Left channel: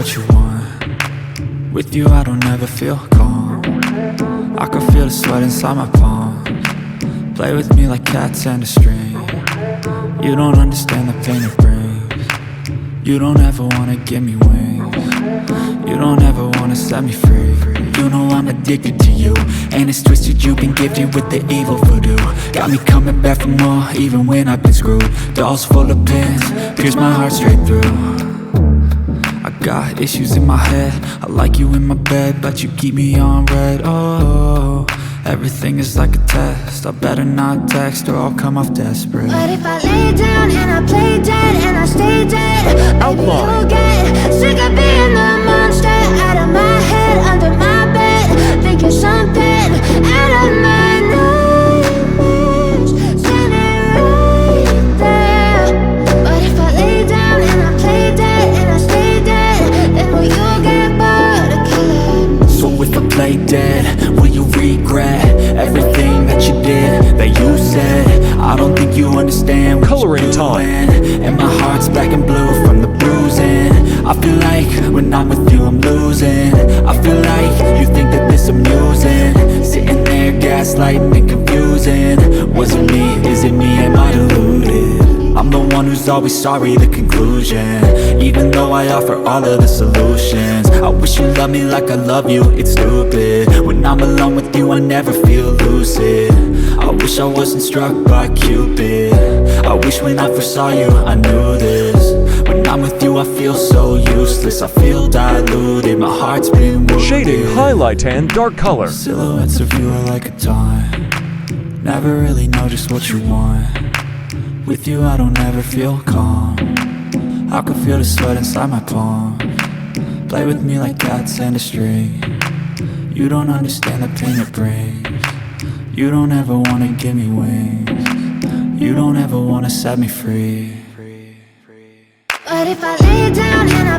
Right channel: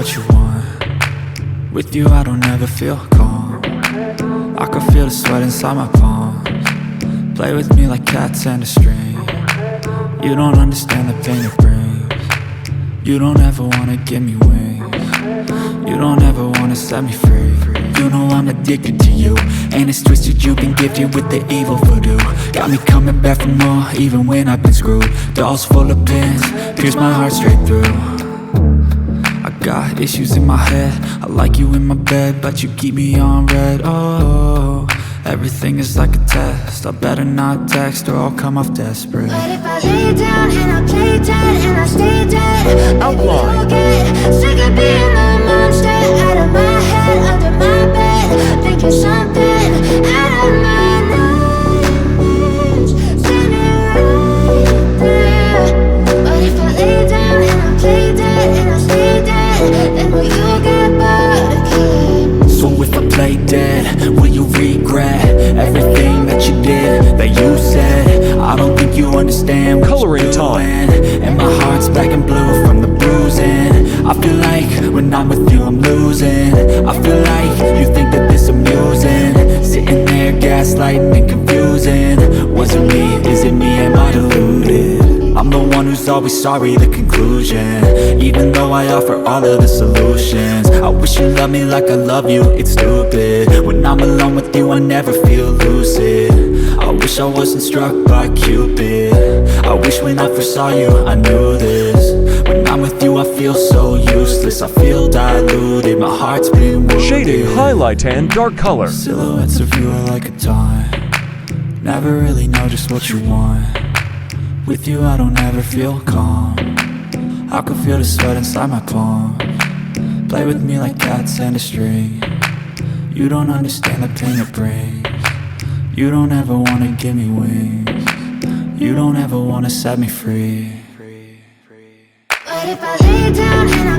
what you want. With you I don't ever feel calm. I can feel the sweat inside my palms. Play with me like cats and a string. You don't understand the pain it brings. You don't ever wanna give me wings. You don't ever wanna set me free. You know I'm addicted to you, and it's twisted, you've been gifted with the evil voodoo. Got me coming back for more, even when I've been screwed. Dolls full of pins, pierce my heart straight through. I got issues in my head, I like you in my bed, but you keep me on red. Oh, everything is like a test, I better not text or I'll come off desperate. But if I lay down and I play dead and I stay dead, baby, you'll get sick of being the monster out of my head, under my bed. Think you're something out of my nightmares, standing right there. But if I lay down and I play dead and I stay dead, then will you get bored of killing me? So if I play dead, will you regret everything that you did, that you said? I don't think you understand what Coloring you're time. doing. And my heart's black and blue from the bruising. I feel like when I'm with you I'm losing. I feel like you think that this amusing, sitting there gaslighting and confusing. Was it me? Is it me? Am I deluded? I'm the one who's always sorry, the conclusion. Even though I offer all of the solutions. I wish you loved me like I love you, it's stupid. When I'm alone with you I never feel lucid. I wish I wasn't struck by Cupid. I wish when I first saw you I knew this. When I'm with you I feel so useless, I feel diluted, my heart's been wounded. Shading, highlight, and dark color. Silhouettes of you are like a taunt. Never really know just what you want. With you I don't ever feel calm. I can feel the sweat inside my palms. Play with me like cats and a string. You don't understand the pain it brings. You don't ever wanna give me wings. You don't ever wanna set me free. But if I lay down and I